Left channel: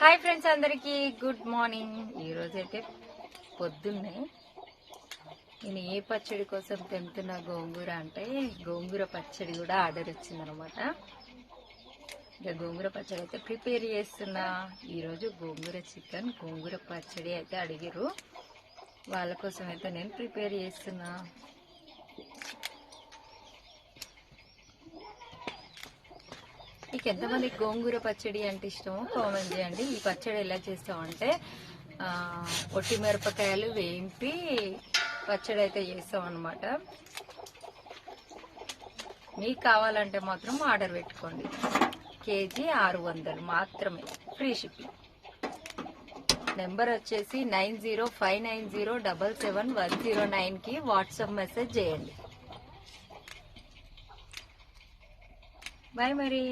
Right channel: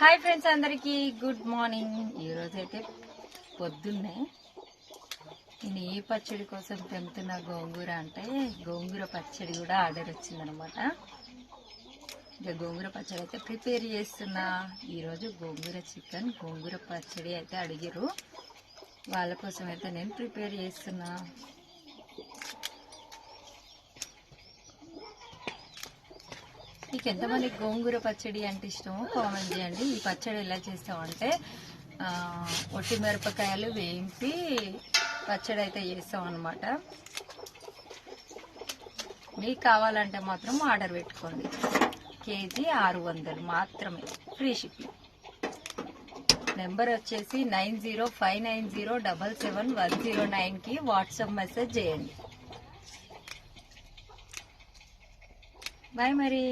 Hi friends, అందరికీ good morning. ఈరోజైతే పొద్దున్నే నేను ఏ పచ్చడి కోసం తెంపుతున్న గోంగూర అంటే గోంగూర పచ్చడి కూడా ఆర్డర్ వచ్చిందనమాట. ఇక గోంగూర పచ్చడి అయితే ప్రిపేర్ చేస్తున్నా. ఈరోజు గోంగూర చికెన్, గోంగూర పచ్చడి అయితే అడిగిరు. వాళ్ళ కోసం అయితే నేను ప్రిపేర్ చేస్తున్నా. మీకు ఎంతమంది గోంగూర పచ్చడి అంటే ఇష్టమో కామెంట్ చేయండి. ఈ పచ్చడి ఎలా చేస్తామంటే ఒట్టి మిరపకాయలు వేయింపి పచ్చడి అయితే చేస్తాం అన్నమాట. మీకు కావాలంటే మాత్రం ఆర్డర్ పెట్టుకోండి. కేజీ 600 మాత్రమే, ఫ్రీ షిప్పింగ్. నెంబర్ వచ్చేసి 9059077109కి వాట్సాప్ మెసేజ్ చేయండి. బాయ్ మరి.